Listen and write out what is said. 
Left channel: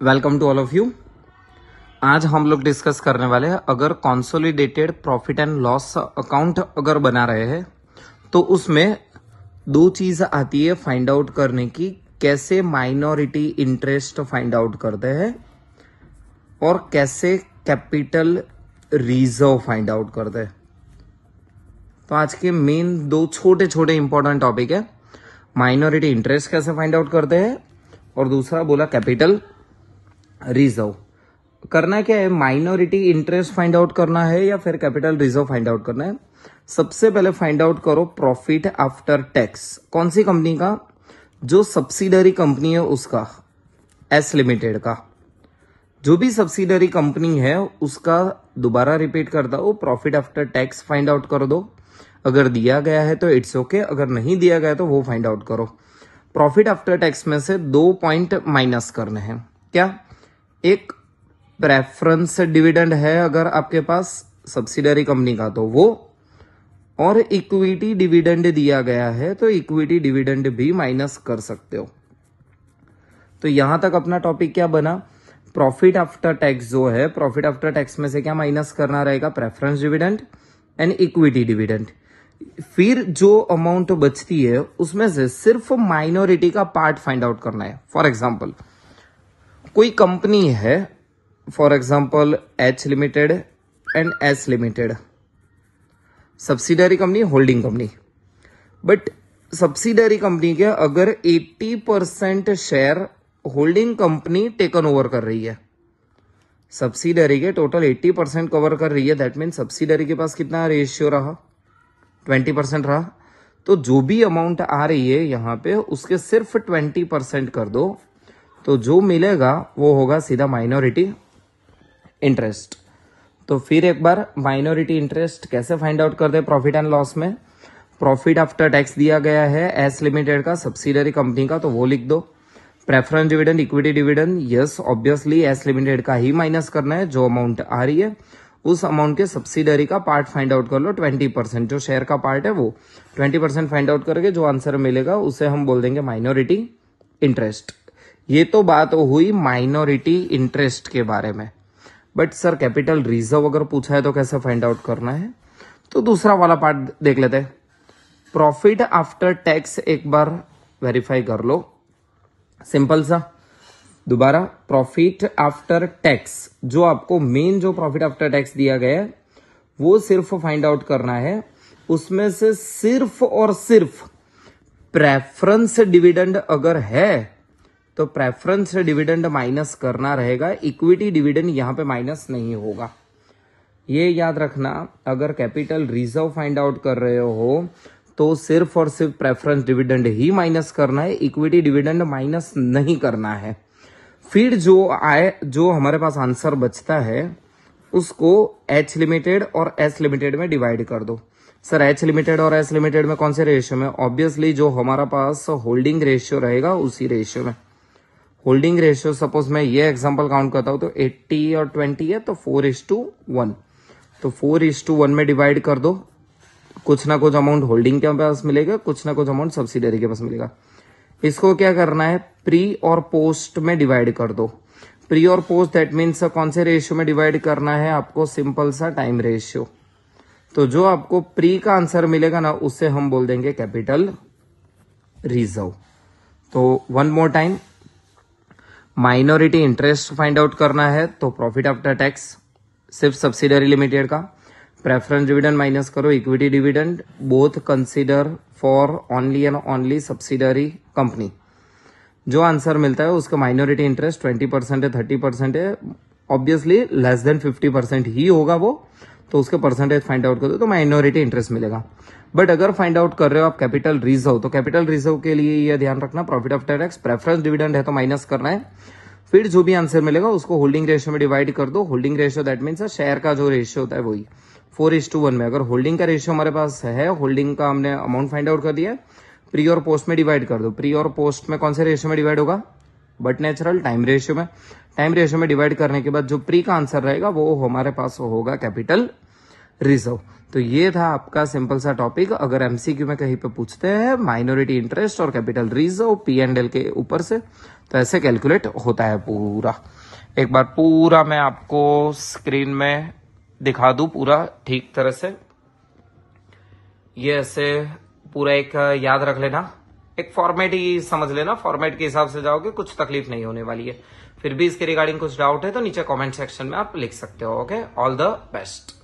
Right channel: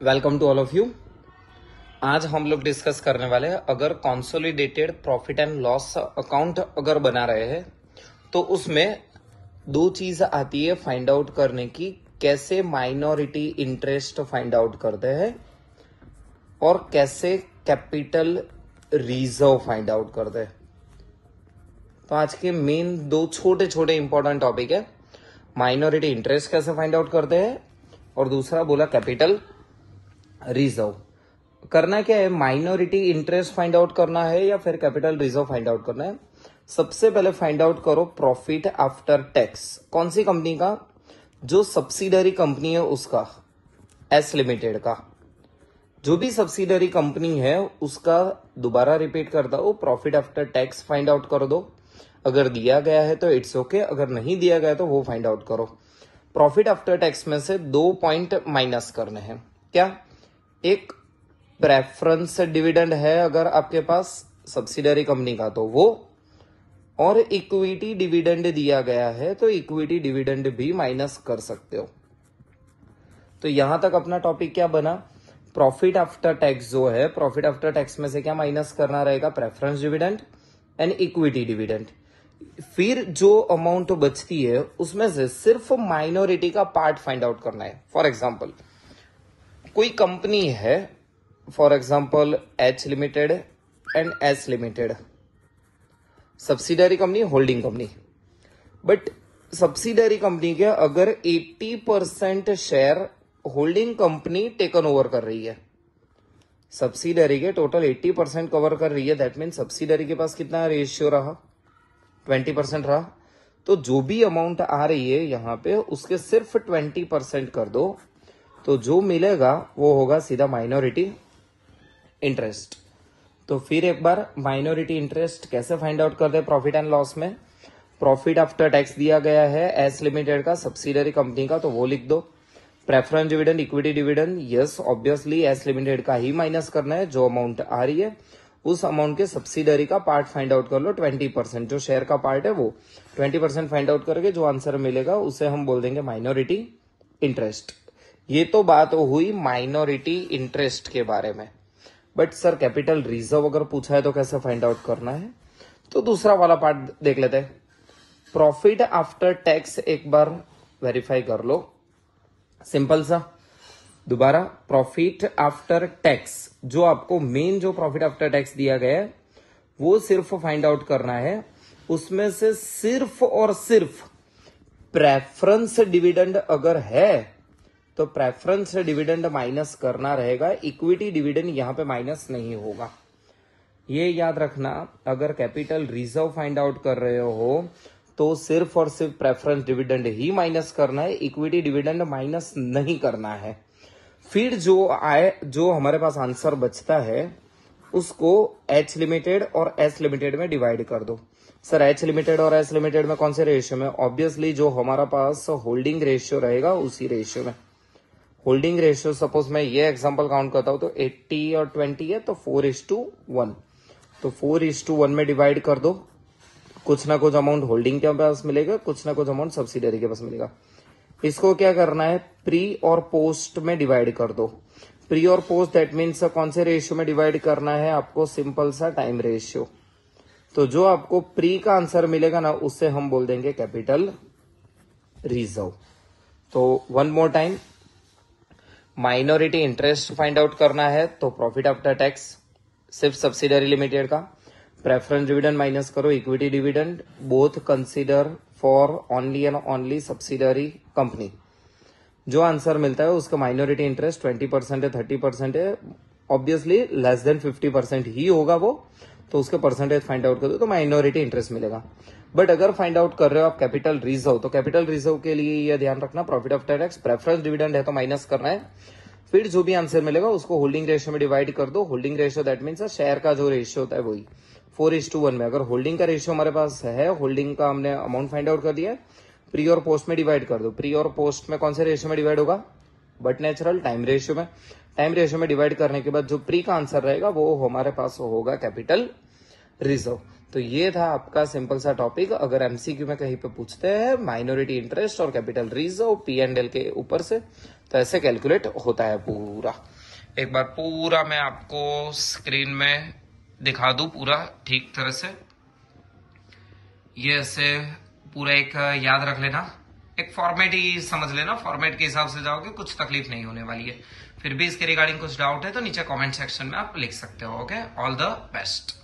Welcome to all of you. आज हम लोग डिस्कस करने वाले हैं, अगर consolidated profit and loss account अगर बना रहे हैं तो उसमें दो चीज आती है फाइंड आउट करने की, कैसे माइनॉरिटी इंटरेस्ट फाइंड आउट करते हैं और कैसे कैपिटल रिजर्व फाइंड आउट करते हैं। तो आज के मेन दो छोटे छोटे इंपॉर्टेंट टॉपिक है, माइनॉरिटी इंटरेस्ट कैसे फाइंड आउट करते हैं और दूसरा बोला कैपिटल रिजर्व। करना क्या है, माइनॉरिटी इंटरेस्ट फाइंड आउट करना है या फिर कैपिटल रिजर्व फाइंड आउट करना है। सबसे पहले फाइंड आउट करो प्रॉफिट आफ्टर टैक्स। कौन सी कंपनी का? जो सब्सिडरी कंपनी है उसका, एस लिमिटेड का। जो भी सब्सिडरी कंपनी है उसका दोबारा रिपीट कर दो, profit after tax find out कर दो। अगर दिया गया है तो इट्स ओके, अगर नहीं दिया गया तो वो फाइंड आउट करो। प्रॉफिट आफ्टर टैक्स में से 2 पॉइंट माइनस करने हैं। क्या? एक प्रेफरेंस डिविडेंड है अगर आपके पास सब्सिडरी कंपनी का तो वो, और इक्विटी डिविडेंड दिया गया है तो इक्विटी डिविडेंड भी माइनस कर सकते हो। तो यहां तक अपना टॉपिक क्या बना, प्रॉफिट आफ्टर टैक्स जो है, प्रॉफिट आफ्टर टैक्स में से क्या माइनस करना रहेगा, preference dividend and equity dividend. फिर जो अमाउंट बचती है उसमें से सिर्फ माइनॉरिटी का पार्ट फाइंड आउट करना है। फॉर एग्जाम्पल कोई कंपनी है, for example H limited and S limited, subsidiary company, holding company. But subsidiary company के अगर 80% share holding company taken over कर रही है, सब्सिडरी के टोटल 80% कवर कर रही है, दैट मीन सब्सिडरी के पास कितना रेशियो रहा, 20% रहा। तो जो भी अमाउंट आ रही है यहां पे उसके सिर्फ 20% कर दो, तो जो मिलेगा वो होगा सीधा माइनॉरिटी इंटरेस्ट। तो फिर एक बार माइनॉरिटी इंटरेस्ट कैसे फाइंड आउट करते हैं प्रॉफिट एंड लॉस में। प्रॉफिट आफ्टर टैक्स दिया गया है एस लिमिटेड का, सब्सिडरी कंपनी का, तो वो लिख दो। Preference dividend, equity dividend, yes obviously S limited का ही माइनस करना है। जो अमाउंट आ रही है उस अमाउंट के सब्सिडरी का पार्ट फाइंड आउट कर लो, 20%। जो शेयर का पार्ट है वो 20% फाइंड आउट करके जो आंसर मिलेगा उसे हम बोल देंगे माइनॉरिटी इंटरेस्ट। ये तो बात हुई माइनॉरिटी इंटरेस्ट के बारे में। बट सर कैपिटल रिजर्व अगर पूछा है तो कैसे फाइंड आउट करना है, तो दूसरा वाला पार्ट देख लेते हैं। प्रॉफिट आफ्टर टैक्स एक बार वेरीफाई कर लो, सिंपल सा। दोबारा प्रॉफिट आफ्टर टैक्स, जो आपको मेन जो प्रॉफिट आफ्टर टैक्स दिया गया है वो सिर्फ फाइंड आउट करना है। उसमें से सिर्फ और सिर्फ प्रेफरेंस डिविडेंड अगर है तो प्रेफरेंस डिविडेंड माइनस करना रहेगा, इक्विटी डिविडेंड यहां पे माइनस नहीं होगा। ये याद रखना, अगर कैपिटल रिजर्व फाइंड आउट कर रहे हो तो सिर्फ और सिर्फ प्रेफरेंस डिविडेंड ही माइनस करना है, इक्विटी डिविडेंड माइनस नहीं करना है। फिर जो हमारे पास आंसर बचता है उसको एच लिमिटेड और एस लिमिटेड में डिवाइड कर दो। सर एच लिमिटेड और एस लिमिटेड में कौन से रेशियो में? ऑब्वियसली जो हमारा पास होल्डिंग रेशियो रहेगा उसी रेशियो में। होल्डिंग रेशियो सपोज मैं ये एग्जांपल काउंट करता हूं तो 80 और 20 है तो 4:1, तो 4:1 में डिवाइड कर दो। कुछ ना कुछ अमाउंट होल्डिंग के पास मिलेगा, कुछ ना कुछ अमाउंट सब्सिडरी के पास मिलेगा। इसको क्या करना है, प्री और पोस्ट में डिवाइड कर दो। प्री और पोस्ट दैट मीन्स कौन से रेशियो में डिवाइड करना है आपको, सिंपल सा टाइम रेशियो। तो जो आपको प्री का आंसर मिलेगा ना उससे हम बोल देंगे कैपिटल रिजर्व। तो one more time, minority interest find out करना है तो प्रॉफिट आफ्टर टैक्स सिर्फ सब्सिडरी लिमिटेड का, प्रेफरेंस डिविडेंड माइनस करो, equity dividend, both consider for only and only subsidiary company. जो आंसर मिलता है उसका माइनॉरिटी इंटरेस्ट 20% है, 30% है, ऑब्वियसली लेस देन 50% ही होगा वो, तो उसके परसेंटेज फाइंड आउट कर दो तो माइनॉरिटी इंटरेस्ट मिलेगा। बट अगर फाइंड आउट कर रहे हो आप कैपिटल रिजर्व, तो कैपिटल रिजर्व के लिए यह ध्यान रखना, profit after tax preference dividend है तो माइनस करना है। फिर जो भी आंसर मिलेगा उसको होल्डिंग रेशियो में डिवाइड कर दो। Holding ratio that means share का जो रेशियो होता है वही 4:1 में। अगर होल्डिंग का रेशियो हमारे पास है, होल्डिंग का हमने अमाउंट फाइंड आउट कर दिया, प्री और पोस्ट में डिवाइड कर दो। प्री और पोस्ट में कौन से रेशियो में डिवाइड होगा, बट नेचुरल टाइम रेशियो में। टाइम रेशियो में डिवाइड करने के बाद जो प्री का आंसर रहेगा वो हमारे पास होगा कैपिटल रिजर्व। तो ये था आपका सिंपल सा टॉपिक। अगर एमसीक्यू में कहीं पे पूछते हैं माइनॉरिटी इंटरेस्ट और कैपिटल रिजर्व P&L के ऊपर से, तो ऐसे कैलकुलेट होता है पूरा। एक बार पूरा मैं आपको स्क्रीन में दिखा दूं पूरा ठीक तरह से। ये ऐसे पूरा एक याद रख लेना, एक फॉर्मेट ही समझ लेना, फॉर्मेट के हिसाब से जाओगे कुछ तकलीफ नहीं होने वाली है। फिर भी इसके रिगार्डिंग कुछ डाउट है तो नीचे कमेंट सेक्शन में आप लिख सकते हो। Okay, all the best.